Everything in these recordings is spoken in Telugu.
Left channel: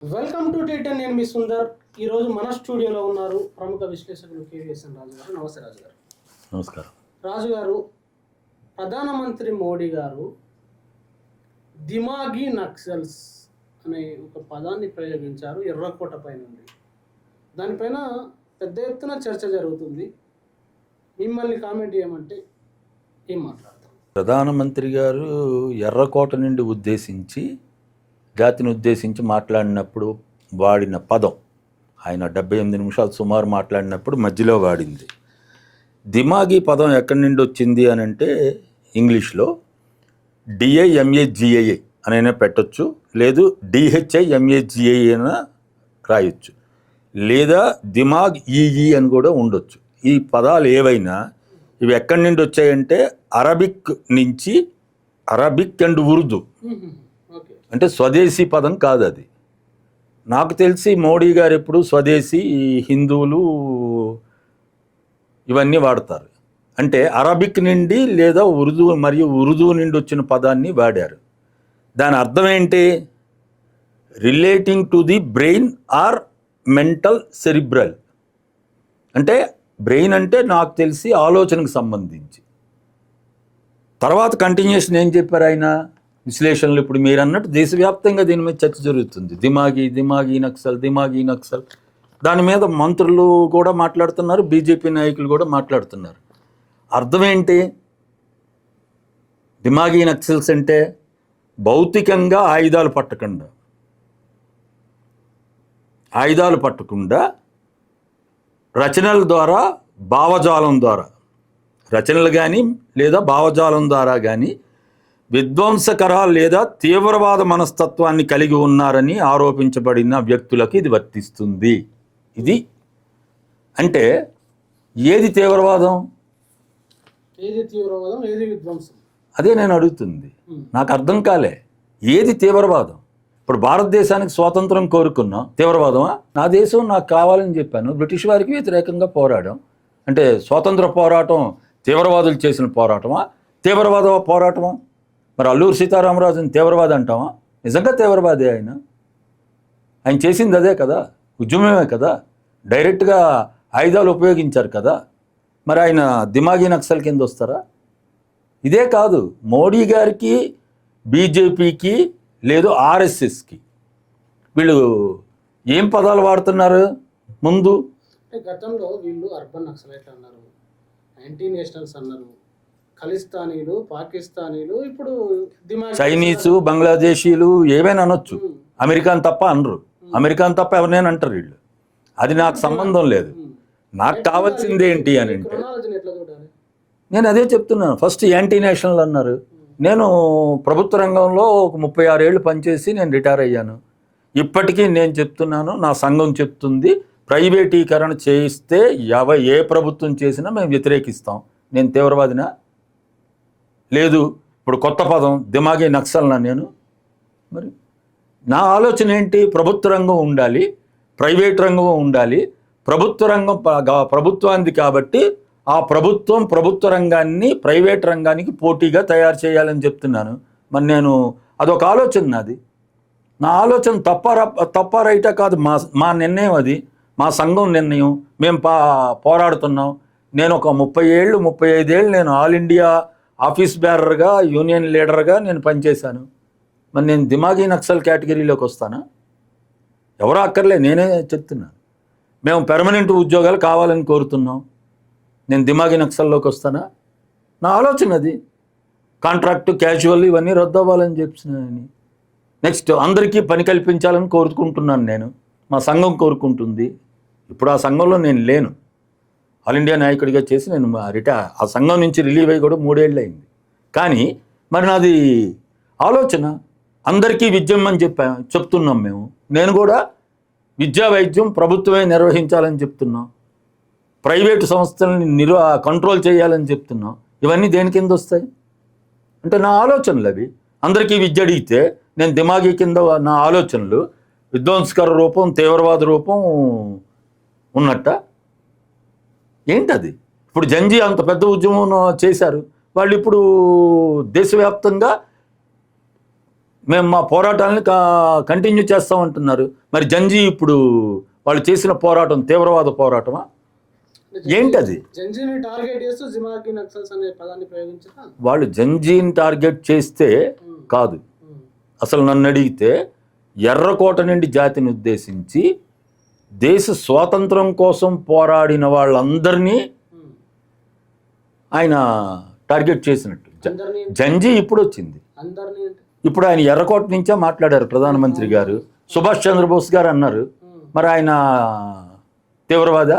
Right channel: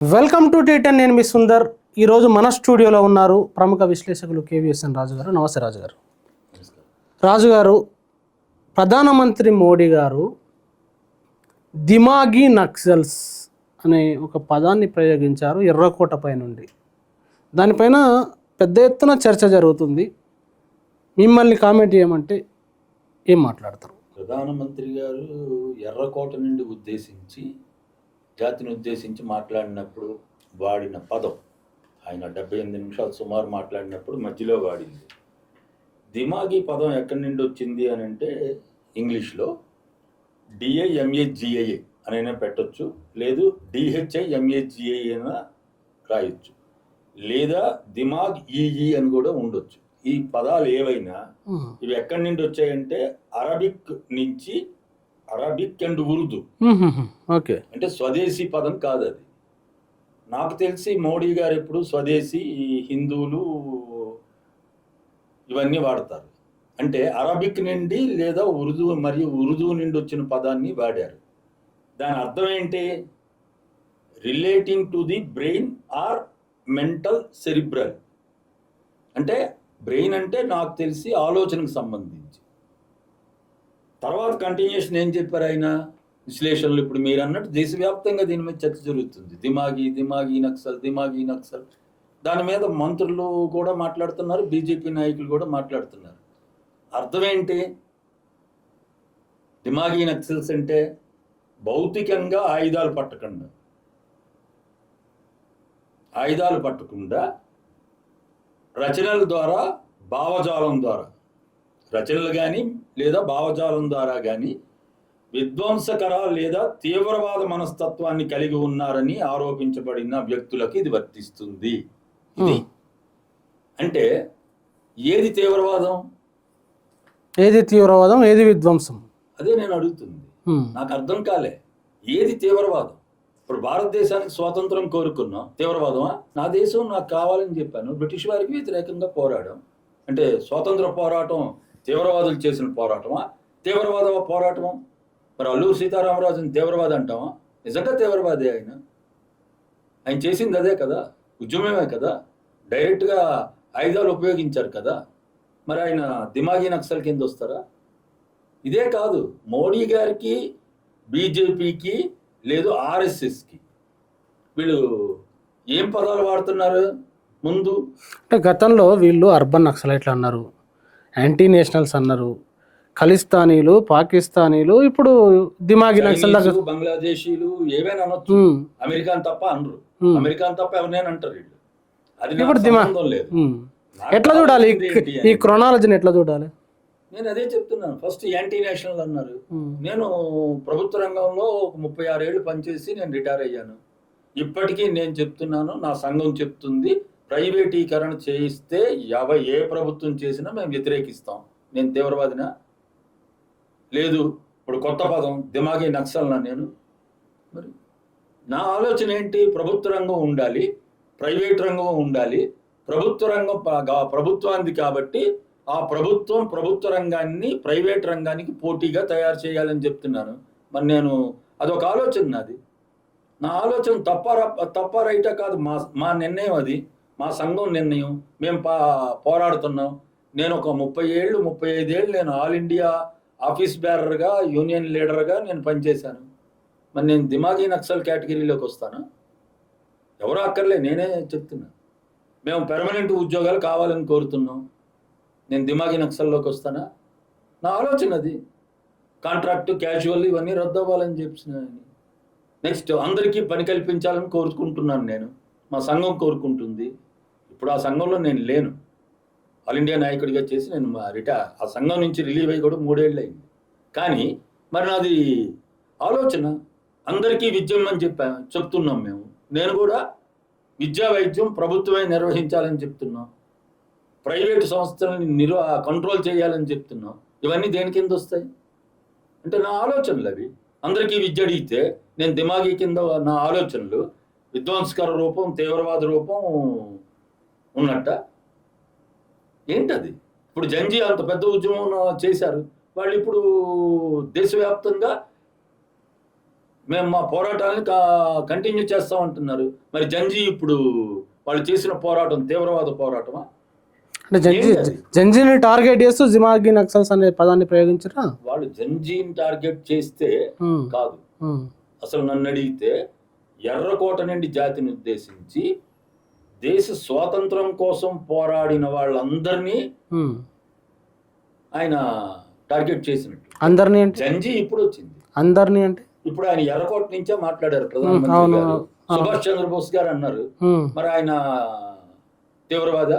Welcome to టీ10. నేను మీ సుందర్. ఈరోజు మన స్టూడియోలో ఉన్నారు ప్రముఖ విశ్లేషకులు కేవీఎస్ఎన్ రాజు గారు. నమస్తే రాజు గారు. నమస్కారం. రాజు గారు, ప్రధానమంత్రి మోడీ గారు దిమాగీ నక్సల్స్ అనే ఒక పదాన్ని ప్రయోగించారు ఎర్రకోటపై నుండి. దానిపైన పెద్ద ఎత్తున చర్చ జరుగుతుంది. మిమ్మల్ని కామెంట్ చేయమంటే ఏం మాట్లాడతారు? ప్రధానమంత్రి గారు ఎర్రకోట నుండి ఉద్దేశించి జాతిని ఉద్దేశించి మాట్లాడినప్పుడు వాడిన పదం, ఆయన 78 నిమిషాలు సుమారు మాట్లాడినప్పుడు మధ్యలో వాడింది దిమాగీ పదం ఎక్కడి నుండి వచ్చింది అని అంటే ఇంగ్లీష్లో DIMAGIA అనైనా పెట్టచ్చు, లేదు DHIMAGIA అయినా రాయొచ్చు, లేదా దిమాగ్ ఈఈ అని కూడా ఉండొచ్చు. ఈ పదాలు ఏవైనా ఇవి ఎక్కడి నుండి వచ్చాయంటే అరబిక్ నుంచి, అరబిక్ అండ్ ఉర్దూ. ఓకే, అంటే స్వదేశీ పదం కాదు అది. నాకు తెలిసి మోడీ గారు ఎప్పుడు స్వదేశీ, హిందువులు ఇవన్నీ వాడతారు. అంటే అరబిక్ నుండి లేదా ఉర్దూ మరియు ఉర్దూ నుండి వచ్చిన పదాన్ని వాడారు. దాని అర్థం ఏంటి? Relating to the brain or mental cerebral. అంటే బ్రెయిన్ అంటే నాకు తెలిసి ఆలోచనకు సంబంధించి. తర్వాత కంటిన్యూషన్ ఏం చెప్పారు ఆయన విశ్లేషణలు? ఇప్పుడు మీరు అన్నట్టు దేశవ్యాప్తంగా దీని మీద చర్చ జరుగుతుంది. దిమాగీ నక్సల్. దాని మీద మంత్రులు కూడా మాట్లాడుతున్నారు, బీజేపీ నాయకులు కూడా మాట్లాడుతున్నారు. అర్థం ఏంటి? దిమాగీ నక్సల్స్ అంటే భౌతికంగా ఆయుధాలు పట్టకుండా రచనల ద్వారా, భావజాలం ద్వారా, రచనలు కానీ లేదా భావజాలం ద్వారా కానీ విధ్వంసకర లేదా తీవ్రవాద మనస్తత్వాన్ని కలిగి ఉన్నారని ఆరోపించబడిన వ్యక్తులకు ఇది వర్తిస్తుంది. ఇది అంటే ఏది తీవ్రవాదం, ఏది విధ్వంసం? అదే నేను అడుగుతుంది. నాకు అర్థం కాలే. ఏది తీవ్రవాదం? ఇప్పుడు భారతదేశానికి స్వాతంత్రం కోరుకున్నాం, తీవ్రవాదమా? నా దేశం నాకు కావాలని చెప్పాను, బ్రిటిష్ వారికి వ్యతిరేకంగా పోరాడాం. అంటే స్వాతంత్ర పోరాటం తీవ్రవాదులు చేసిన పోరాటమా, తీవ్రవాద పోరాటమా? మరి అల్లూరు సీతారామరాజుని తీవ్రవాది అంటామా? నిజంగా తీవ్రవాదే ఆయన చేసింది అదే కదా, ఉద్యమమే కదా, డైరెక్ట్గా ఆయుధాలు ఉపయోగించారు కదా. మరి ఆయన దిమాగీ నక్సల్ కింద వస్తారా? ఇదే కాదు, మోడీ గారికి, బీజేపీకి, లేదు RSSకి వీళ్ళు ఏం పదాలు వాడుతున్నారు ముందు? అంటే గతంలో వీళ్ళు అర్బన్ నక్సలైట్లు అన్నారు, యాంటీ నేషనల్స్ అన్నారు, ఖలిస్తానీలు, పాకిస్తానీలు, ఇప్పుడు దిమాగీ చైనీసు, బంగ్లాదేశీలు ఏవైనా అనొచ్చు. అమెరికాన్ తప్ప అనరు. అమెరికాన్ తప్ప ఎవరినైనా అంటారు వీళ్ళు. అది నాకు సంబంధం లేదు. నాకు కావాల్సింది ఏంటి అని, ఈ క్రొనాలజీని ఎట్లా చూడాలి? నేను అదే చెప్తున్నాను. ఫస్ట్ యాంటీ నేషనల్ అన్నారు. నేను ప్రభుత్వ రంగంలో ఒక 36 ఏళ్ళు పనిచేసి నేను రిటైర్ అయ్యాను. ఇప్పటికీ నేను చెప్తున్నాను, నా సంఘం చెప్తుంది, ప్రైవేటీకరణ చేయిస్తే ఏ ప్రభుత్వం చేసినా మేము వ్యతిరేకిస్తాం. నేను తీవ్రవాదినా? లేదు. ఇప్పుడు కొత్త పదం దిమాగీ నక్సల్నా నేను? మరి నా ఆలోచన ఏంటి? ప్రభుత్వ రంగం ఉండాలి, ప్రైవేట్ రంగం ఉండాలి. ప్రభుత్వ రంగం ప్రభుత్వానికి కాబట్టి ఆ ప్రభుత్వ రంగాన్ని ప్రైవేట్ రంగానికి పోటీగా తయారు చేయాలని చెప్తున్నాను. మరి నేను అదొక ఆలోచన నాది. నా ఆలోచన తప్ప రైటా కాదు, మా నిర్ణయం అది, మా సంఘం నిర్ణయం. మేము పోరాడుతున్నాం. నేను ఒక 35 ఏళ్ళు నేను ఆల్ ఇండియా ఆఫీస్ బేరర్గా, యూనియన్ లీడర్గా నేను పనిచేశాను. మరి నేను దిమాగీ నక్సల్ కేటగిరీలోకి వస్తానా? ఎవరో అక్కర్లే, నేనే చెప్తున్నాను. మేము పెర్మనెంట్ ఉద్యోగాలు కావాలని కోరుతున్నాం. నేను దిమాగీ నక్సల్లోకి వస్తానా? నా ఆలోచన అది. కాంట్రాక్టు, క్యాజువల్ ఇవన్నీ రద్దు అవ్వాలని చెప్పినాయని. నెక్స్ట్ అందరికీ పని కల్పించాలని కోరుకుంటున్నాను నేను, మా సంఘం కోరుకుంటుంది. ఇప్పుడు ఆ సంఘంలో నేను లేను. ఆల్ ఇండియా నాయకుడిగా చేసి నేను ఆ సంఘం నుంచి రిలీవ్ అయ్యి కూడా 3 ఏళ్ళు అయింది. కానీ మరి నాది ఆలోచన అందరికీ విద్యం అని చెప్తున్నాం మేము. నేను కూడా విద్యా వైద్యం ప్రభుత్వమే నిర్వహించాలని చెప్తున్నాం. ప్రైవేటు సంస్థలని కంట్రోల్ చేయాలని చెప్తున్నాం. ఇవన్నీ దేని కింద వస్తాయి అంటే నా ఆలోచనలు అవి. అందరికీ విద్య అడిగితే నేను దిమాగీ కింద నా ఆలోచనలు విధ్వంసకర రూపం, తీవ్రవాద రూపం ఉన్నట్ట ఏంటది? ఇప్పుడు జంజీ అంత పెద్ద ఉద్యమం చేశారు వాళ్ళు. ఇప్పుడు దేశవ్యాప్తంగా మేము మా పోరాటాలను కంటిన్యూ చేస్తామంటున్నారు. మరి జంజీ ఇప్పుడు వాళ్ళు చేసిన పోరాటం తీవ్రవాద పోరాటమా? అంటే ఏంటది? జంజీని టార్గెట్ చేస్తూ జిమాగి నక్సల్స్ అనే పదాన్ని ప్రయోగించరా? వాళ్ళు జంజీని టార్గెట్ చేస్తే కాదు. అసలు నన్ను అడిగితే ఎర్రకోట నుండి జాతిని ఉద్దేశించి దేశ స్వాతంత్రం కోసం పోరాడిన వాళ్ళందరినీ ఆయన టార్గెట్ చేసినట్టు. అందరినీ జంజీ ఇప్పుడు వచ్చింది. అందరినీ అంటే ఇప్పుడు ఆయన ఎర్రకోట నుంచే మాట్లాడారు ప్రధానమంత్రి గారు. సుభాష్ చంద్రబోస్ గారు అన్నారు. మరి ఆయన తీవ్రవాది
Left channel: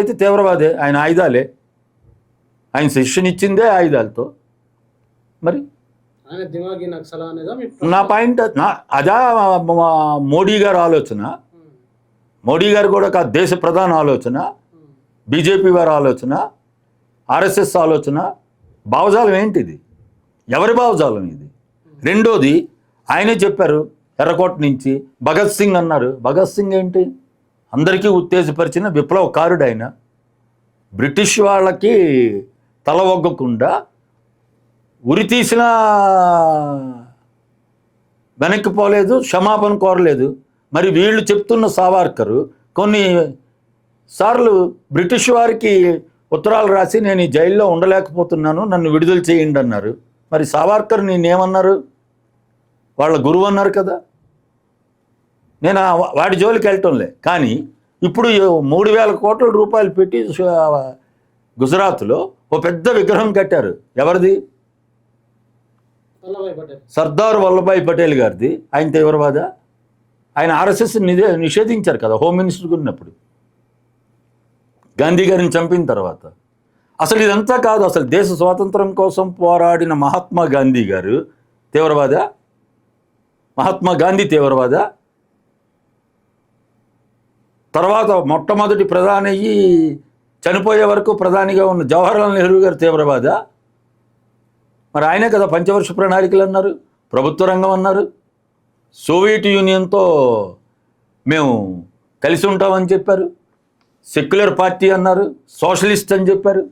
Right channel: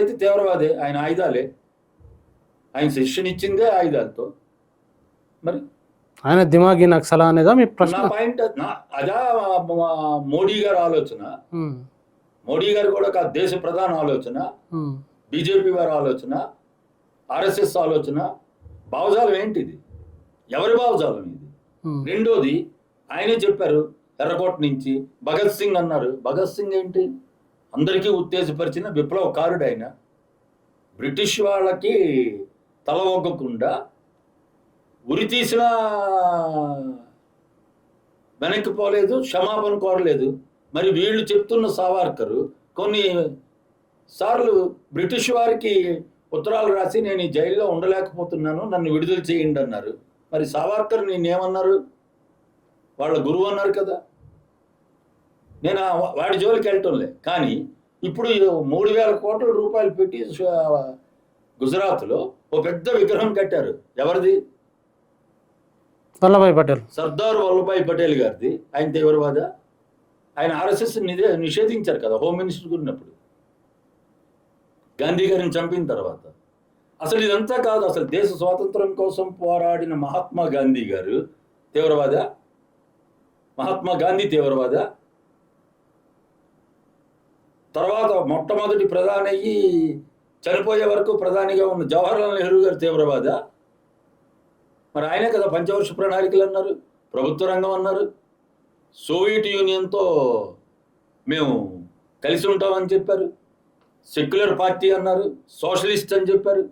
అయితే తీవ్రవాదే. ఆయన ఆయుధాలే, ఆయన శిక్షణ ఇచ్చిందే ఆయుధాలతో. మరి ఆయన దిమాగి నక్సలా అనేదా మీ ప్రశ్న? నా పాయింట్ అదా మోడీ గారు ఆలోచన. మోడీ గారు కూడా కాదు, దేశ ప్రధాన ఆలోచన, బీజేపీ వారి ఆలోచన, ఆర్ఎస్ఎస్ ఆలోచన. భావజాలం ఏంటిది? ఎవరి భావజాలం ఇది? రెండోది ఆయనే చెప్పారు ఎర్రకోట నుంచి భగత్ సింగ్ అన్నారు. భగత్ సింగ్ ఏంటి? అందరికీ ఉత్తేజపరిచిన విప్లవకారుడు ఆయన. బ్రిటిష్ వాళ్ళకి తల ఒగ్గకుండా ఉరి తీసిన వెనక్కి పోలేదు, క్షమాపణ కోరలేదు. మరి వీళ్ళు చెప్తున్న సావర్కరు కొన్ని సార్లు బ్రిటిష్ వారికి ఉత్తరాలు రాసి నేను ఈ జైల్లో ఉండలేకపోతున్నాను, నన్ను విడుదల చేయండి అన్నారు. మరి సావర్కర్ నేనేమన్నారు? వాళ్ళ గురువు అన్నారు కదా. నేను వాడి జోలికి వెళ్ళటంలే. కానీ ఇప్పుడు 3,000 కోట్ల రూపాయలు పెట్టి గుజరాత్లో ఓ పెద్ద విగ్రహం కట్టారు. ఎవరిది? వల్లభాయ్ పటేల్, సర్దార్ వల్లభాయ్ పటేల్ గారిది. ఆయన తీవ్రవాద? ఆయన ఆర్ఎస్ఎస్ నిషేధించారు కదా హోమ్ మినిస్టర్గా ఉన్నప్పుడు, గాంధీ గారిని చంపిన తర్వాత. అసలు ఇదంతా కాదు. అసలు దేశ స్వాతంత్రం కోసం పోరాడిన మహాత్మా గాంధీ గారు తీవ్రవాద? మహాత్మా గాంధీ తీవ్రవాద? తర్వాత మొట్టమొదటి ప్రధాని అయ్యి చనిపోయే వరకు ప్రధానిగా ఉన్న జవహర్లాల్ నెహ్రూ గారు తీవ్రవాద? మరి ఆయనే కదా పంచవర్ష ప్రణాళికలు అన్నారు, ప్రభుత్వ రంగం అన్నారు, సోవియట్ యూనియన్తో మేము కలిసి ఉంటామని చెప్పారు, సెక్యులర్ పార్టీ అన్నారు, సోషలిస్ట్ అని చెప్పారు.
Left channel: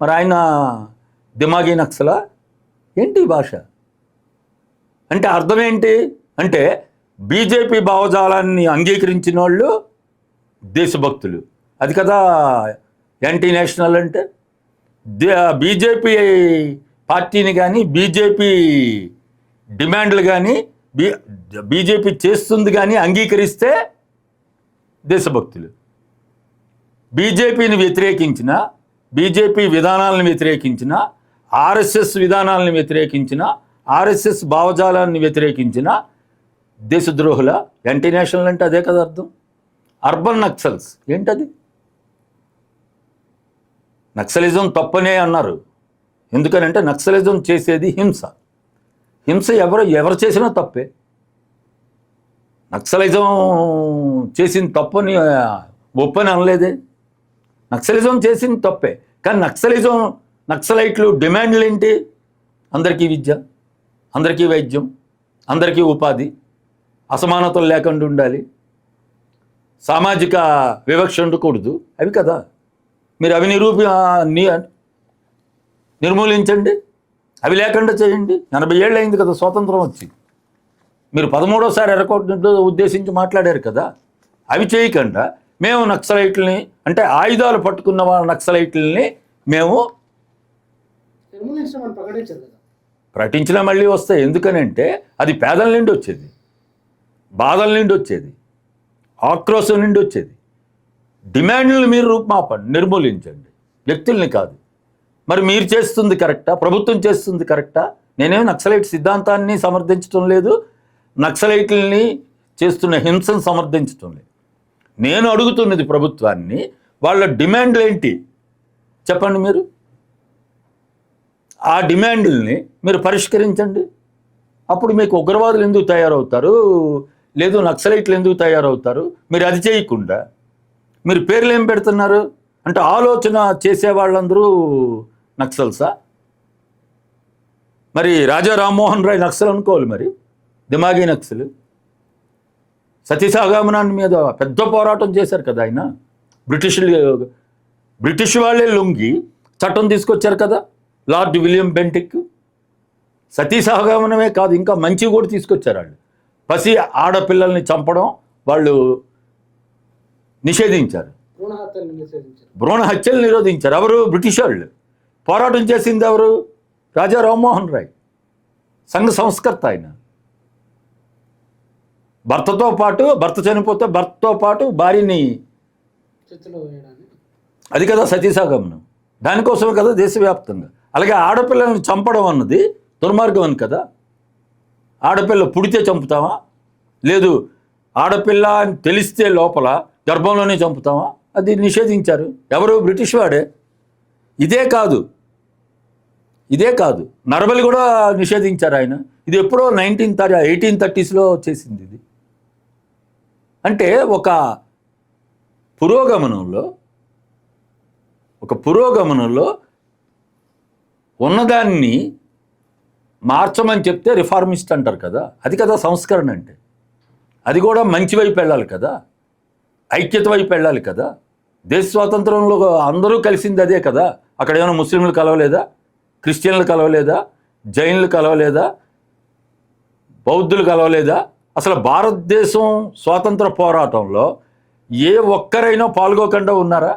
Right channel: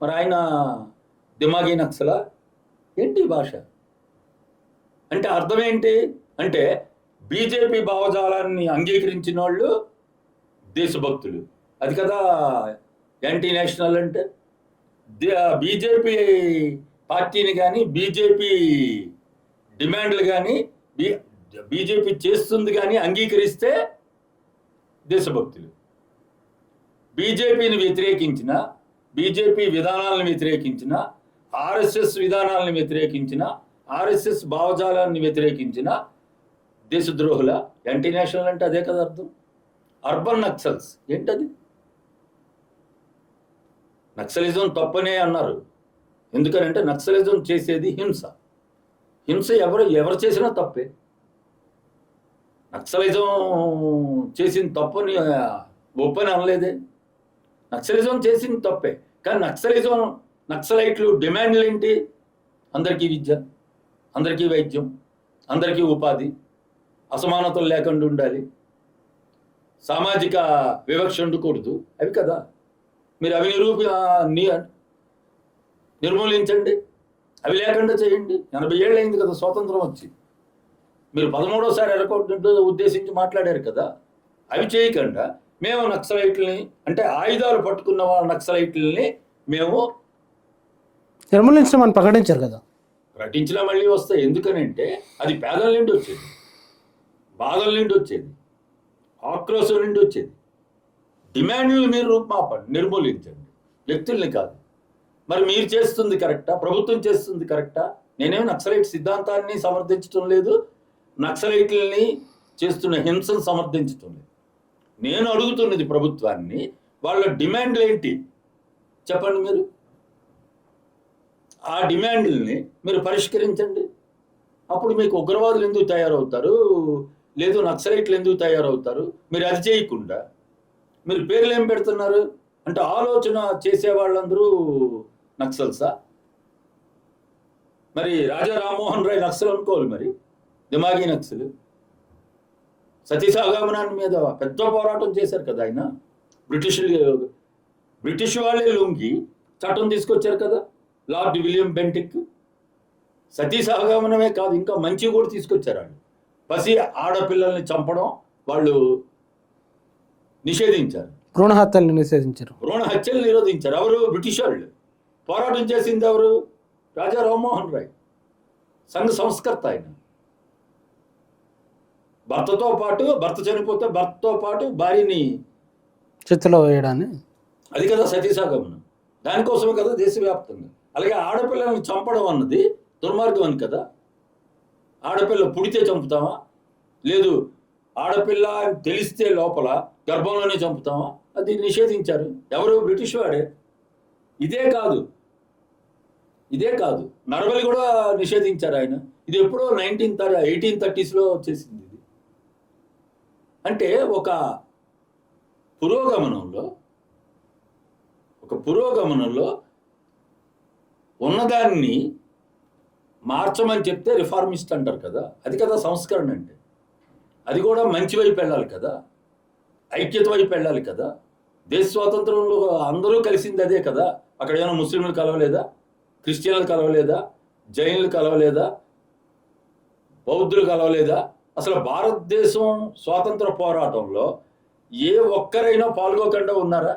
మరి ఆయన దిమాగి నక్సలా? ఏంటి భాష అంటే? అర్థం ఏంటి అంటే బీజేపీ భావజాలాన్ని అంగీకరించిన వాళ్ళు దేశభక్తులు. అది కదా యాంటీ నేషనల్ అంటే. బీజేపీ పార్టీని కానీ బీజేపీ డిమాండ్లు కానీ బీజేపీ చేస్తుంది కానీ అంగీకరిస్తే దేశభక్తులు. బీజేపీని వ్యతిరేకించిన, బీజేపీ విధానాలను వ్యతిరేకించిన, ఆర్ఎస్ఎస్ విధానాలను వ్యతిరేకించిన, ఆర్ఎస్ఎస్ భావజాలాన్ని వ్యతిరేకించిన దేశద్రోహుల. యాంటీ నేషనల్ అంటే అదే కదా అర్థం. అర్బన్ నక్సల్స్ ఏంటది? నక్సలిజం తప్పనే అన్నారు. ఎందుకనంటే నక్సలిజం చేసేది హింస. హింస ఎవరు చేసినా తప్పే. నక్సలిజం చేసిన తప్పని ఒప్పని అనలేదే. నక్సలిజం చేసింది తప్పే. కానీ నక్సలైట్లు డిమాండ్లు ఏంటి? అందరికీ విద్య, అందరికీ వైద్యం, అందరికీ ఉపాధి, అసమానతలు లేకుండా ఉండాలి, సామాజిక వివక్ష ఉండకూడదు. అవి కదా. మీరు అవి నిర్మూలించండి, అవి లేకుండా చేయండి. 80 ఏళ్ళు అయింది కదా స్వాతంత్రం వచ్చి. మీరు 13వసారి ఎర్రకోటను ఉద్దేశించి మాట్లాడారు కదా. అవి చేయకుండా మేము నక్సలైట్లని, అంటే ఆయుధాలు పట్టుకున్న వాళ్ళ నక్సలైట్లని మేము నిర్మూలించమని ప్రకటించారు కదా. ప్రకటించినా మళ్ళీ వస్తాయి. ఎందుకనంటే అది పేదల నుండి వచ్చేది, బాధల నుండి వచ్చేది, ఆక్రోశం నుండి వచ్చేది. డిమాండ్లను మీరు రూపుమాపండి, నిర్మూలించండి, వ్యక్తుల్ని కాదు. మరి మీరు చేస్తుంది కరెక్టా? ప్రభుత్వం చేస్తుంది కరెక్టా? నేనేం నక్సలైట్ సిద్ధాంతాన్ని సమర్థించడం లేదు, నక్సలైట్లని చేస్తున్న హింసను సమర్థించడం లేదు. నేను అడుగుతున్నది ప్రభుత్వాన్ని, వాళ్ళ డిమాండ్లు ఏంటి చెప్పండి మీరు. ఆ డిమాండ్లని మీరు పరిష్కరించండి. అప్పుడు మీకు ఉగ్రవాదులు ఎందుకు తయారవుతారు, లేదు నక్సలైట్లు ఎందుకు తయారవుతారు? మీరు అది చేయకుండా మీరు పేర్లు ఏం పెడుతున్నారు అంటే ఆలోచన చేసే వాళ్ళందరూ నక్సల్సా? మరి రాజా రామ్మోహన్ రాయ్ నక్సల్ అనుకోవాలి, మరి దిమాగి నక్సల్. సతీసాగమనాన్ని మీద పెద్ద పోరాటం చేశారు కదా ఆయన. బ్రిటిష్ వాళ్ళే లొంగి చట్టం తీసుకొచ్చారు కదా, లార్డ్ విలియం బెంటిక్. సతీ సహగమనమే కాదు, ఇంకా మంచి కూడా తీసుకొచ్చారు వాళ్ళు. పసి ఆడపిల్లల్ని చంపడం వాళ్ళు నిషేధించారు. భ్రూణ హత్యల్ని నిషేధించారు. భ్రూణ హత్యలు నిరోధించారు. ఎవరు? బ్రిటిష్ వాళ్ళు. పోరాటం చేసింది ఎవరు? రాజా రామ్మోహన్ రాయ్, సంఘ సంస్కర్త ఆయన. భర్త చనిపోతే భర్తతో పాటు భార్యని చేతిలో వేయడాన్ని, అది కదా సతీసాగమనం. దానికోసమే కదా దేశవ్యాప్తంగా. అలాగే ఆడపిల్లలను చంపడం అన్నది దుర్మార్గం అని కదా. ఆడపిల్ల పుడితే చంపుతామా? లేదు, ఆడపిల్ల అని తెలిస్తే లోపల గర్భంలోనే చంపుతామా? అది నిషేధించారు. ఎవరు? బ్రిటిష్ వాడే. ఇదే కాదు నరబలి కూడా నిషేధించారు ఆయన. ఇది ఎప్పుడో 1830s చేసింది ఇది. అంటే ఒక పురోగమనంలో ఉన్నదాన్ని మార్చమని చెప్తే రిఫార్మిస్ట్ అంటారు కదా. అది కదా సంస్కరణ అంటే. అది కూడా మంచి వైపు వెళ్ళాలి కదా, ఐక్యత వైపు వెళ్ళాలి కదా. దేశ స్వాతంత్రంలో అందరూ కలిసింది అదే కదా. అక్కడ ఏమైనా ముస్లింలు కలవలేదా? క్రిస్టియన్లు కలవలేదా? జైన్లు కలవలేదా? బౌద్ధులు కలవలేదా? అసలు భారతదేశం స్వాతంత్ర పోరాటంలో ఏ ఒక్కరైనా పాల్గొకుండా ఉన్నారా?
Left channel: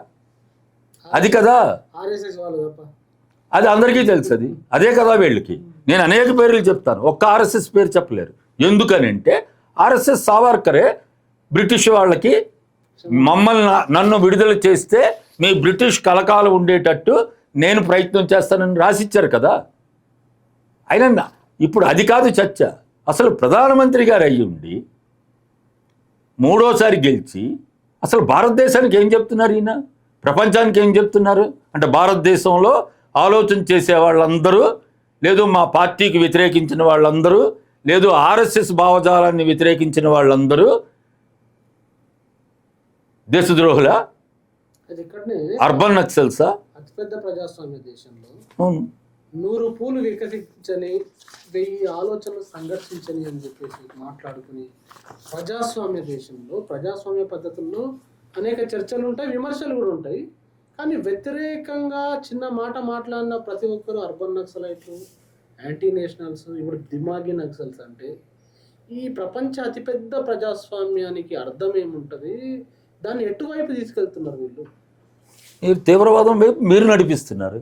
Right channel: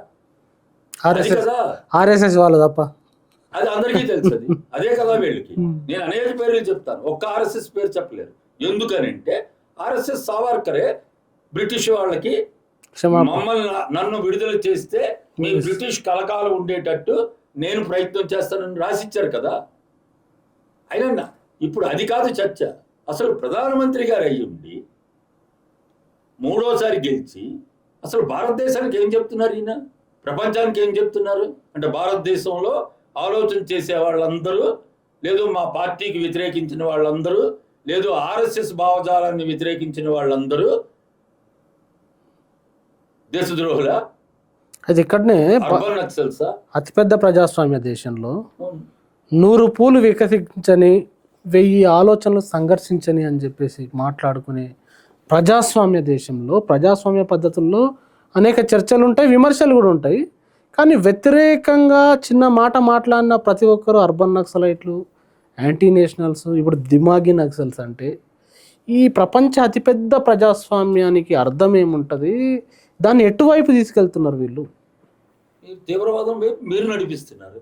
అది కదా ఆర్ఎస్ఎస్ వాళ్ళు తప్ప. అది అందరికీ తెలుసు. అదే కదా వీళ్ళకి. నేను అనేక పేర్లు చెప్తాను, ఒక్క ఆర్ఎస్ఎస్ పేరు చెప్పలేరు. ఎందుకనంటే ఆర్ఎస్ఎస్ సావర్కరే బ్రిటిష్ వాళ్ళకి నన్ను విడుదల చేస్తే మీ బ్రిటిష్ కలకాలం ఉండేటట్టు నేను ప్రయత్నం చేస్తానని రాసిచ్చారు కదా. అయినా ఇప్పుడు అది కాదు చర్చ. అసలు ప్రధానమంత్రి గారు అయ్యుండి మూడోసారి గెలిచి అసలు భారతదేశానికి ఏం చెప్తున్నారు ఈయన? ప్రపంచానికి ఏం చెప్తున్నారు అంటే, భారతదేశంలో ఆలోచన చేసే వాళ్ళందరూ, లేదు మా పార్టీకి వ్యతిరేకించిన వాళ్ళందరూ, లేదు ఆర్ఎస్ఎస్ భావజాలాన్ని వ్యతిరేకించిన వాళ్ళందరూ దేశద్రోహుల? అది ఇక్కడనే అర్బన్ నక్సల్సా? అతిపెద్ద ప్రజాస్వామ్య దేశంలో 100 పూలు వికసించని 1000 ఆలోచనలు సంఘర్షించని అని చెప్పేసి మాట్లాడుకునే ప్రజాస్వామ్య దేశంలో, ప్రజాస్వామ్య పద్ధతుల్లో అనేక చర్చలు ఉంటాయి, విమర్శలు కూడా ఉంటాయి. కానీ వ్యతిరేకంగా చిన్న మాట మాట్లాడిన ప్రతి ఒక్కరు అర్బన్ నక్సలైట్లు, యాంటీ నేషనల్స్, ఇప్పుడు దిమాగి నక్సల్స్. అంటే ఈ ప్రపంచ అతిపెద్ద ప్రజాస్వామ్యానికి అర్థం ఏముంటుంది? దాన్ని ఎటువైపు తీసుకెళ్తున్నారు వీళ్ళు? మీరు తీవ్రవాదం వైపు మీరు నడిపిస్తున్నారు.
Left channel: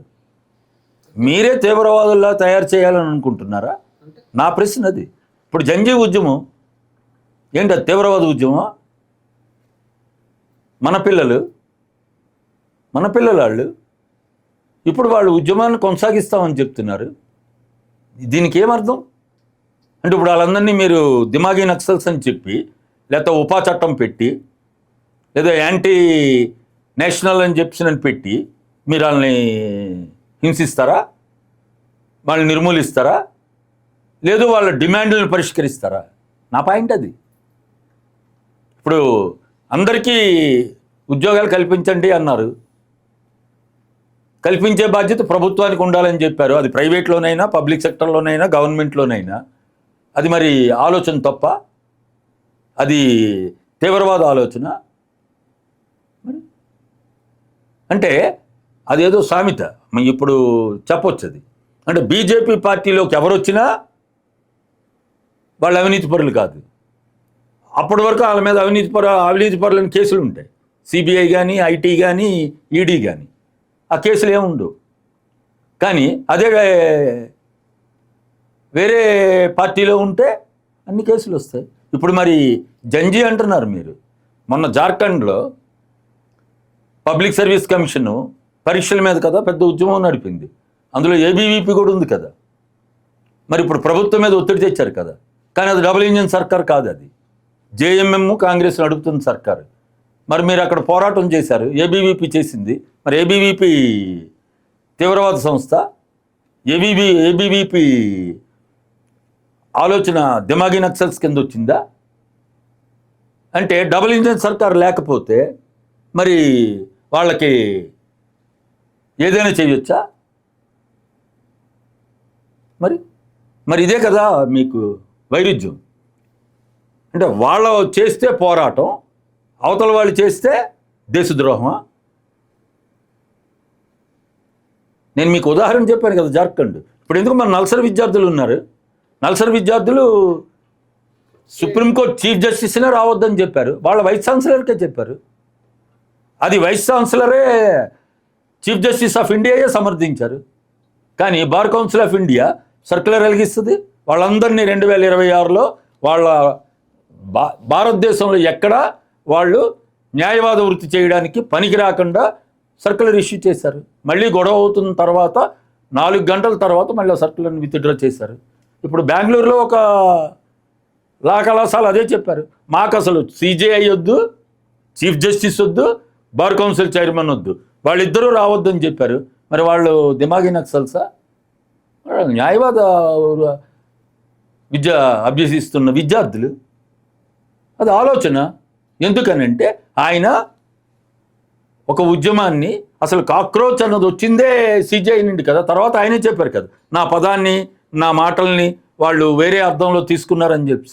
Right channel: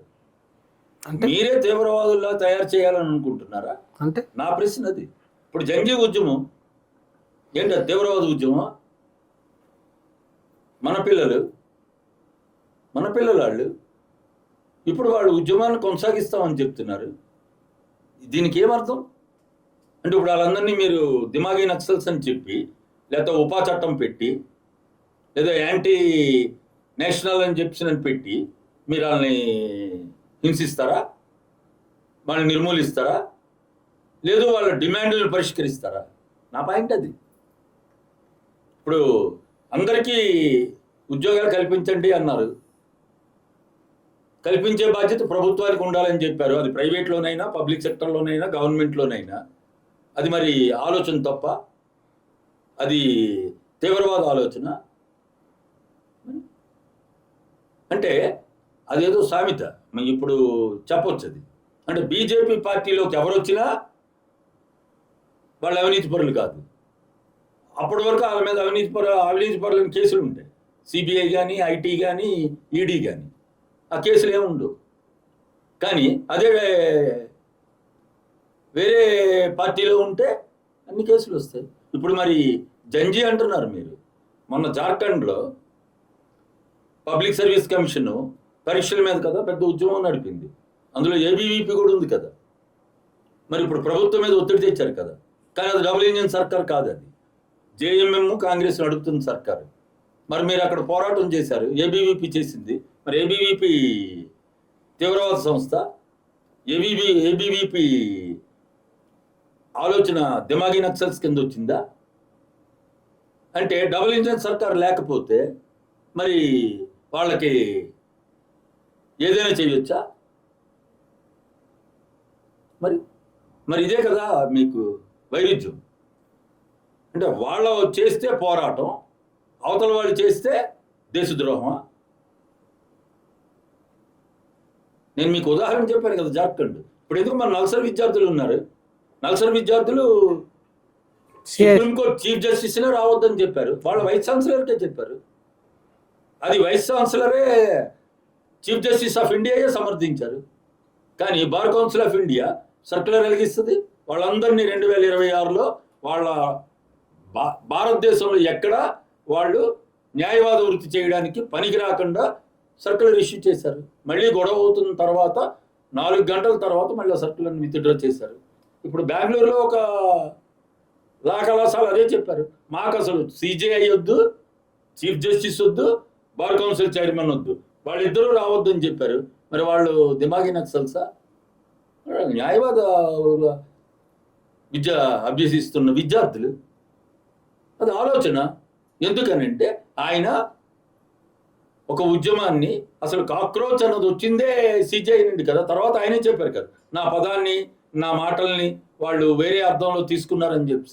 మీరే తీవ్రవాదుల్లా తయారు చేయాలని అనుకుంటున్నారా? అంటే నా ప్రశ్న అది. ఇప్పుడు జంజీ ఉద్యమం ఏంటి? అది తీవ్రవాద ఉద్యమా? మన పిల్లలు వాళ్ళు ఇప్పుడు వాళ్ళు ఉద్యమాన్ని కొనసాగిస్తామని చెప్తున్నారు. దీనికి ఏమర్థం? అంటే ఇప్పుడు వాళ్ళందరినీ మీరు దిమాగి నక్సల్స్ అని చెప్పి, లేకపోతే ఉపా చట్టం పెట్టి, లేదా యాంటీ నేషనల్ అని చెప్పి పెట్టి మీరు వాళ్ళని హింసిస్తారా? వాళ్ళని నిర్మూలిస్తారా? లేదు వాళ్ళ డిమాండ్లను పరిష్కరిస్తారా? నా పాయింట్ అది. ఇప్పుడు అందరికీ ఉద్యోగాలు కల్పించండి అన్నారు. కల్పించే బాధ్యత ప్రభుత్వానికి ఉండాలని చెప్పారు. అది ప్రైవేట్లోనైనా, పబ్లిక్ సెక్టర్లోనైనా, గవర్నమెంట్లోనైనా. అది మరి ఆలోచన తప్ప? అది తీవ్రవాద ఆలోచన? మరి అంటే అదేదో సామెత ఇప్పుడు చెప్పొచ్చు. అది అంటే బీజేపీ పార్టీలోకి ఎవరు వచ్చినా వాళ్ళు అవినీతి పరులు కాదు. అప్పటి వరకు వాళ్ళ మీద అవినీతి పరులని కేసులు ఉంటాయి. సిబిఐ కానీ, ఐటీ కానీ, ఈడీ కానీ. ఆ కేసులు ఏముండవు. కానీ అదే వేరే పార్టీలో ఉంటే అన్ని కేసులు వస్తాయి. ఇప్పుడు మరి జంజీ అంటున్నారు మీరు. మొన్న జార్ఖండ్లో పబ్లిక్ సర్వీస్ కమిషన్ పరీక్షల మీద కదా పెద్ద ఉద్యమం నడిపింది. అందులో ఏబీవీపీ కూడా ఉంది కదా. మరి ఇప్పుడు ప్రభుత్వం మీద ఒత్తిడి తెచ్చారు కదా. కానీ అది డబుల్ ఇంజిన్ సర్కార్ కాదు, అది జేఎంఎం కాంగ్రెస్ నడుపుతున్న సర్కారు. మరి మీరు అక్కడ పోరాటం చేశారు, ఏబీవీపీ చేసింది. మరి ఏబీవీపీ తీవ్రవాద సంస్థ? ఏబీవీపీ ఆలోచన దిమాగి నక్సల్స్ కింద వచ్చిందా? అంటే డబుల్ ఇంజిన్ సర్కార్ లేకపోతే మరి వాళ్ళకి ఏదైనా చేయొచ్చా? మరి ఇదే కదా మీకు వైరుధ్యం. అంటే వాళ్ళు చేస్తే పోరాటం, అవతల వాళ్ళు చేస్తే దేశద్రోహమా? నేను మీకు ఉదాహరణ చెప్పాను కదా, జార్ఖండ్. ఇప్పుడు ఎందుకు మన నల్సర్ విద్యార్థులు ఉన్నారు, నల్సర్ విద్యార్థులు సుప్రీంకోర్టు చీఫ్ జస్టిస్నే రావద్దని చెప్పారు, వాళ్ళ వైస్ ఛాన్సలర్కే చెప్పారు. అది వైస్ ఛాన్సలరే చీఫ్ జస్టిస్ ఆఫ్ ఇండియాయే సమర్థించారు. కానీ bar council of India circular వెలిగిస్తుంది, వాళ్ళందరినీ 2026లో వాళ్ళ భారతదేశంలో ఎక్కడ వాళ్ళు న్యాయవాద వృత్తి చేయడానికి పనికి రాకుండా సర్క్యులర్ ఇష్యూ చేశారు. మళ్ళీ గొడవ అవుతున్న తర్వాత 4 గంటల తర్వాత మళ్ళీ సర్క్యులర్ని విత్డ్రా చేశారు. ఇప్పుడు బెంగళూరులో ఒక లా కళాశాల అదే చెప్పారు, మాకు అసలు సిజేఐ వద్దు, చీఫ్ జస్టిస్ వద్దు, బార్ కౌన్సిల్ చైర్మన్ వద్దు, వాళ్ళిద్దరూ రావద్దని చెప్పారు. మరి వాళ్ళు దిమాగి నక్సల్సా? న్యాయవాద విద్య అభ్యసిస్తున్న విద్యార్థులు. అది ఆలోచన. ఎందుకనంటే ఆయన ఒక ఉద్యమాన్ని, అసలు కాక్రోచ్ అన్నది వచ్చిందే సిజేఐ నుండి కదా. తర్వాత ఆయనే చెప్పారు కదా, నా పదాన్ని నా మాటల్ని వాళ్ళు వేరే అర్థంలో తీసుకున్నారని చెప్పి.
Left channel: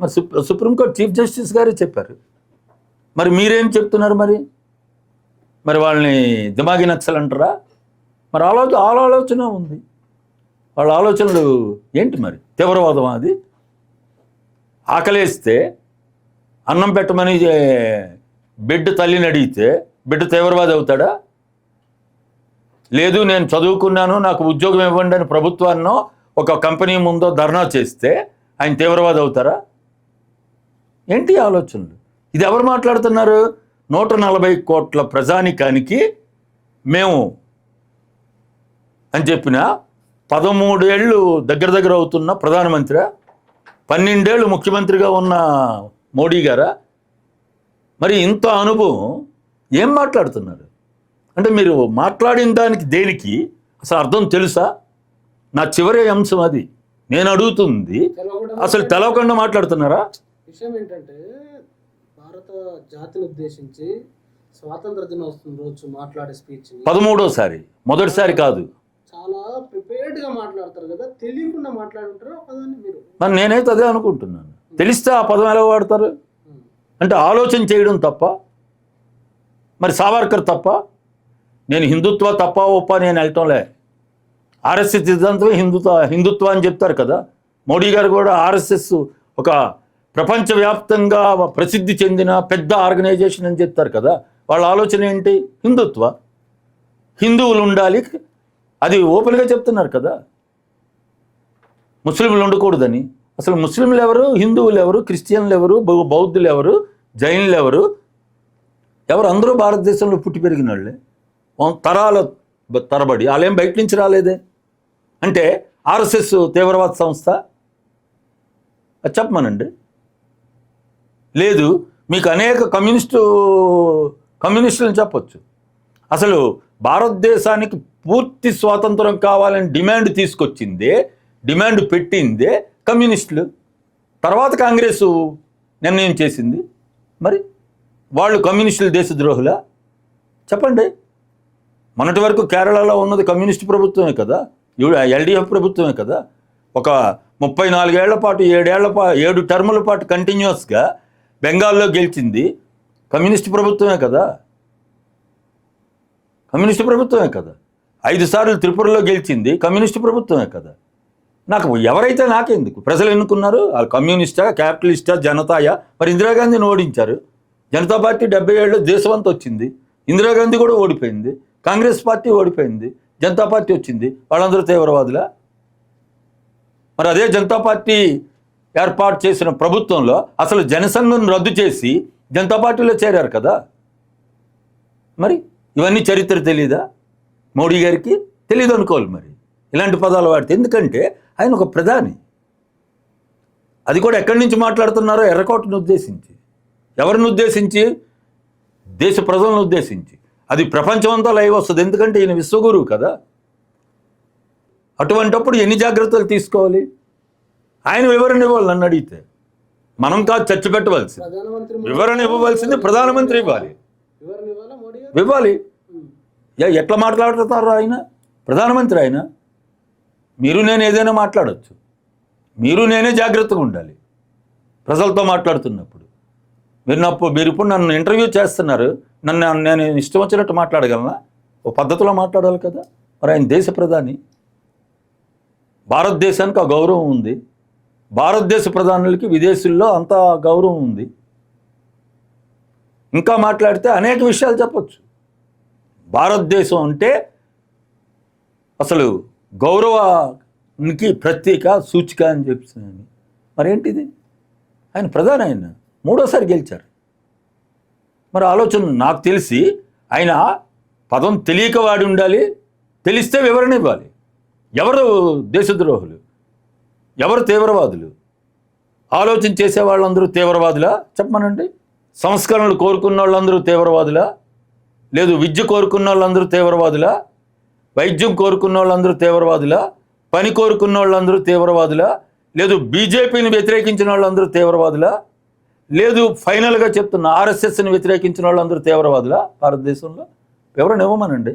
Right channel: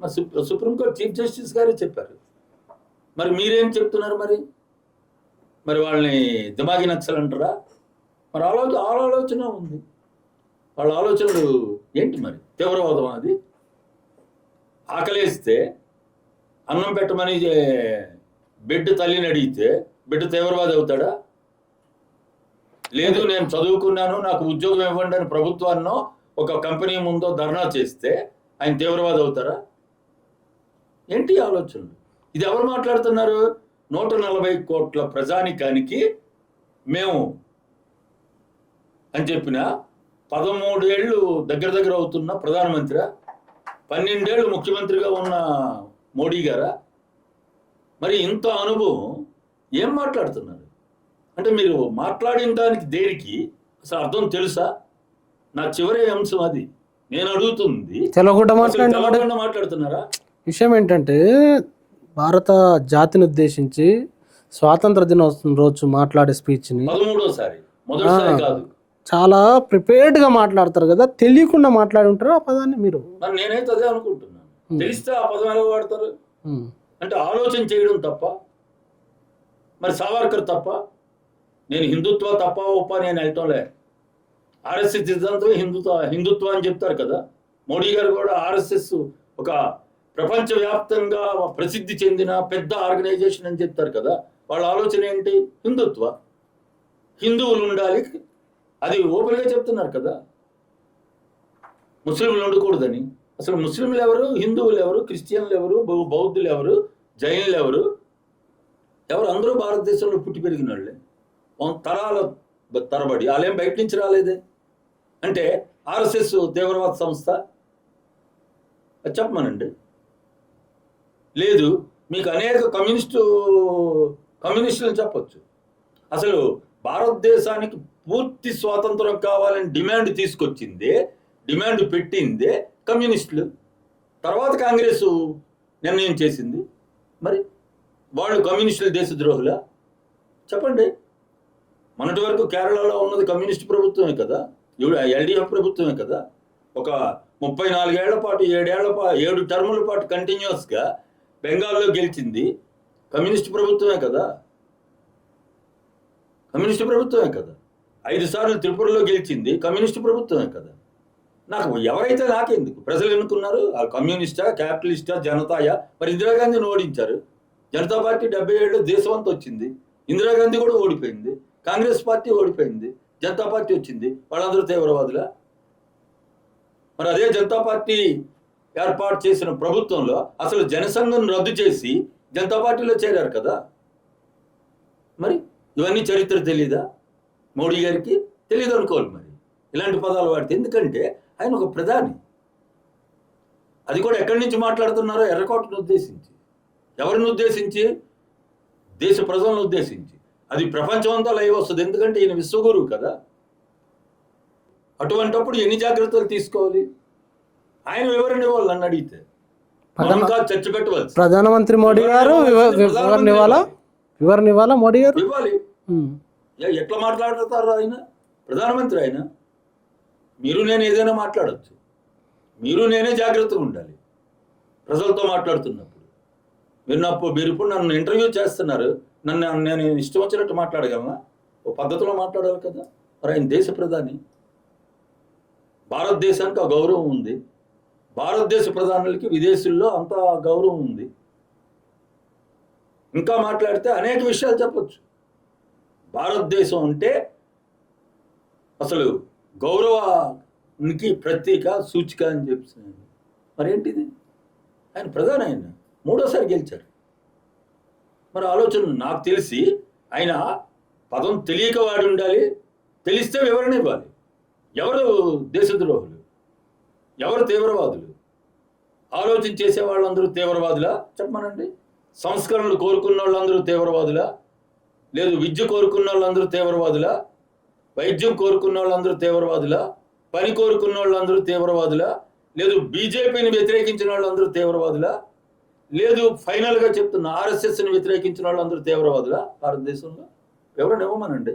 మరి సుప్రీంకోర్టు చీఫ్ జస్టిస్ గారే చెప్పారు. మరి మీరేం చెప్తున్నారు? మరి వాళ్ళని దిమాగి నక్సల్ అంటారా? మరి ఆలోచన ఉంది, వాళ్ళ ఆలోచనలు ఏంటి? మరి తీవ్రవాదం అది? ఆకలేస్తే అన్నం పెట్టమని బిడ్డ తల్లిని అడిగితే బిడ్డ తీవ్రవాది అవుతాడా? లేదు, నేను చదువుకున్నాను, నాకు ఉద్యోగం ఇవ్వండి అని ప్రభుత్వాన్నో ఒక కంపెనీ ముందో ధర్నా చేస్తే ఆయన తీవ్రవాది అవుతారా? ఏంటి ఆలోచనలు? ఇది ఎవరు మాట్లాడుతున్నారు? 140 కోట్ల ప్రజానికానికి మేము అని చెప్పిన 13 ఏళ్ళు దగ్గర అవుతున్న ప్రధానమంత్రి, 12 ఏళ్ళు ముఖ్యమంత్రిగా ఉన్న మోడీ గారా? మరి ఇంత అనుభవం ఏం మాట్లాడుతున్నారు? అంటే మీరు మాట్లాడిన దానికి దేనికి అసలు అర్థం తెలుసా? నా చివరి అంశం అది. నేను అడుగుతుంది, అసలు తెలవకుండా మాట్లాడుతున్నారా? విషయం ఏంటంటే, భారత జాతిని ఉద్దేశించి స్వాతంత్ర దినోత్సవం రోజు మాట్లాడే స్పీచ్ని 13వసారి, మొదటిసారి కాదు, చాలా ప్రిపేర్డ్గా మాట్లాడతారు కదా, తెలియకుండా మాట్లాడి ఉంటారు ఆ పదాన్ని మీరు. మరి నేనైతే అదే అనుకుంటున్నాను. తెలిస్తే ఆ పదం ఎలా వాడతారు? అంటే ఆలోచన చేయడం తప్ప. మరి సావర్కర్ తప్ప? నేను హిందుత్వ తప్ప ఒప్ప నేను వెళ్ళటంలే. ఆర్ఎస్ఎస్ సిద్ధాంతమే హిందుత్వ అని చెప్తారు కదా. మోడీ గారు కూడా ఆర్ఎస్ఎస్ ఒక ప్రపంచవ్యాప్తంగా ప్రసిద్ధి చెందిన పెద్ద ఆర్గనైజేషన్ అని చెప్తారు కదా. వాళ్ళ ఆలోచన ఏంటి? హిందుత్వ, హిందువులు ఉండాలి, అది ఓపెన్గా చెప్తున్నారు కదా. ముస్లింలు ఉండకూడదని. అసలు ముస్లింలు ఎవరు, హిందువులు ఎవరు, క్రిస్టియన్లు ఎవరు, బౌద్ధులు ఎవరు, జైన్లు ఎవరు? అందరూ భారతదేశంలో పుట్టి పెరిగిన వాళ్ళే, తరాల తరబడి. వాళ్ళేం బయట నుంచి రాలేదే. అంటే ఆర్ఎస్ఎస్ తీవ్రవాద సంస్థ అది చెప్పమనండి. లేదు, మీకు అనేక కమ్యూనిస్టులను చెప్పొచ్చు. అసలు భారతదేశానికి పూర్తి స్వాతంత్రం కావాలని డిమాండ్ పెట్టిందే కమ్యూనిస్టులు. తర్వాత కాంగ్రెస్ నిర్ణయం చేసింది. మరి వాళ్ళు కమ్యూనిస్టులు దేశద్రోహులా? చెప్పండి. మొన్నటి వరకు కేరళలో ఉన్నది కమ్యూనిస్ట్ ప్రభుత్వమే కదా, ఎల్డీఎఫ్ ప్రభుత్వమే కదా. ఒక 34 ఏళ్ల పాటు 7 టర్ముల పాటు కంటిన్యూస్గా బెంగాల్లో గెలిచింది కమ్యూనిస్ట్ ప్రభుత్వమే కదా. 5 సార్లు త్రిపురలో గెలిచింది కమ్యూనిస్ట్ ప్రభుత్వమే కదా. ఎవరైతే నాకెందుకు? ప్రజలు ఎన్నుకున్నారు. వాళ్ళు కమ్యూనిస్టా, క్యాపిటలిస్టా, జనతాయా? మరి ఇందిరాగాంధీని ఓడించారు. జనతా పార్టీ 70 ఏళ్ళు దేశమంతా వచ్చింది. ఇందిరాగాంధీ కూడా ఓడిపోయింది. కాంగ్రెస్ పార్టీ ఓడిపోయింది, జనతా పార్టీ వచ్చింది. వాళ్ళందరూ తీవ్రవాదులా? మరి అదే జనతా పార్టీ ఏర్పాటు చేసిన ప్రభుత్వంలో అసలు జనసంఘం రద్దు చేసి జనతా పార్టీలో చేరారు కదా. మరి ఇవన్నీ చరిత్ర తెలీదా మోడీ గారికి? తెలీదు అనుకోవాలి. మరి ఇలాంటి పదాలు వాడితే. ఎందుకంటే ఆయన ఒక ప్రధాని. అది కూడా ఎక్కడి నుంచి మాట్లాడుతున్నారో? ఎర్రకోటను ఉద్దేశించి. ఎవరిని ఉద్దేశించి? దేశ ప్రజలను ఉద్దేశించి. అది ప్రపంచమంతా లైవ్ వస్తుంది. ఎందుకంటే ఈయన విశ్వగురువు కదా. అటువంటప్పుడు ఎన్ని జాగ్రత్తలు తీసుకోవాలి? ఆయన వివరణ ఇవ్వాలి. నన్ను అడిగితే మనం కాదు చర్చ పెట్టవలసి. ప్రధానమంత్రి వివరణ ఇవ్వాలా? మోడీ గారు ఇవ్వాలి. ఎట్లా మాట్లాడుతున్నారు ఆయన? ప్రధానమంత్రి ఆయన. మీరు నేను ఏదైనా మాట్లాడవచ్చు. మీరు నేనే జాగ్రత్తగా ఉండాలి ప్రజలతో మాట్లాడుతున్నప్పుడు. మీరు ఇప్పుడు నన్ను ఇంటర్వ్యూ చేస్తున్నారు. నేను ఇష్టం వచ్చినట్టు మాట్లాడగలనా? ఓ పద్ధతిలో మాట్లాడాలి కదా. మరి ఆయన దేశ ప్రధాని. భారతదేశానికి ఆ గౌరవం ఉంది. భారతదేశ ప్రధానులకి విదేశీల్లో అంత గౌరవం ఉంది. ఇంకా మాట్లాడితే అనేక విషయాలు చెప్పొచ్చు. భారతదేశం అంటే అసలు గౌరవానికి ప్రతీక, సూచిక అని చెప్తున్నాను. మరేంటిది? ఆయన ప్రధాని, ఆయన 3వ సారి గెలిచారు. మరి ఆలోచన నాకు తెలిసి ఆయన పదం తెలియక వాడి ఉండాలి, తెలిస్తే వివరణ ఇవ్వాలి. ఎవరు దేశద్రోహులు, ఎవరు తీవ్రవాదులు? ఆలోచన చేసే వాళ్ళందరూ తీవ్రవాదులా చెప్పమనండి. సంస్కరణలు కోరుకున్న వాళ్ళందరూ తీవ్రవాదులా? లేదు విద్య కోరుకున్న వాళ్ళందరూ తీవ్రవాదులా? వైద్యం కోరుకున్న వాళ్ళందరూ తీవ్రవాదులా? పని కోరుకున్న వాళ్ళందరూ తీవ్రవాదులా? లేదు బీజేపీని వ్యతిరేకించిన వాళ్ళందరూ తీవ్రవాదులా? లేదు ఫైనల్గా చెప్తున్న ఆర్ఎస్ఎస్ని వ్యతిరేకించిన వాళ్ళందరూ తీవ్రవాదులా భారతదేశంలో? వివరణ ఇవ్వమనండి,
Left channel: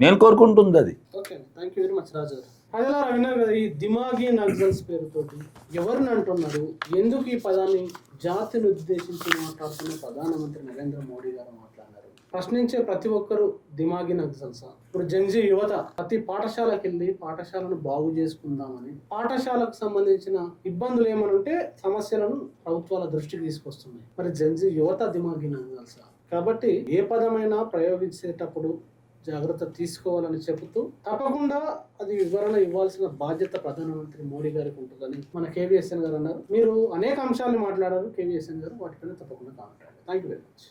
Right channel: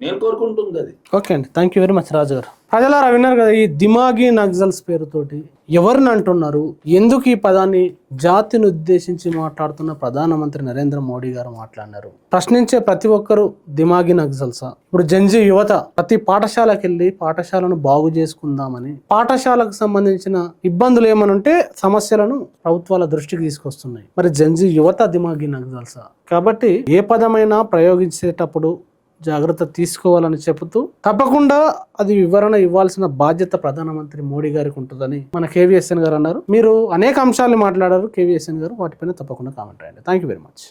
నేను కోరుకుంటుంది అది. ఓకే అండి, థ్యాంక్ యూ వెరీ మచ్ రాజు గారు. ప్రజలారా విన్నారు కదా, ఈ దిమాగి నక్సల్స్ పేరుతోటి ఎవరిని అంటున్నారు, ఎందుకు ఈ పదాన్ని జాతిని ఉద్దేశించి మాట్లాడుతున్న ప్రధానమంత్రి నరేంద్ర మోడీ గారు మాట్లాడినారు? ప్రశ్నించే ప్రతి ఒక్కరు దిమాగి నక్సల్సా? ఇప్పుడు జెన్జీ యువత ప్రతి పాఠశాలకు వెళ్ళి పాఠశాలను బాగు చేసుకుందామని, పాఠశాలకు సంబంధించిన ఇబ్బందులు ఏమనుంటే సమస్యలను ప్రభుత్వాల దృష్టికి తీసుకొస్తున్నాయి. మరి జెన్జీ యువత దిమాగి నక్సల్సా? కాబట్టి ఏ పదమైనా ప్రయోగించేటప్పుడు జాగ్రత్త తీసుకోవాలని చెబుతూ, తప్పకుండా అది వివరణ ఇవ్వాల్సిన బాధ్యత ప్రధానమంత్రి మోడీ గారికి ఉంటుందని మన కేవీఎస్ఎన్ గారు అన్నారు. మీరు అనేక అంశాలు మాట్లాడారు కేవీఎస్ఎన్ గారు, వాటిపైన తప్పకుండా కామెంట్ రాయండి. Thank you very much.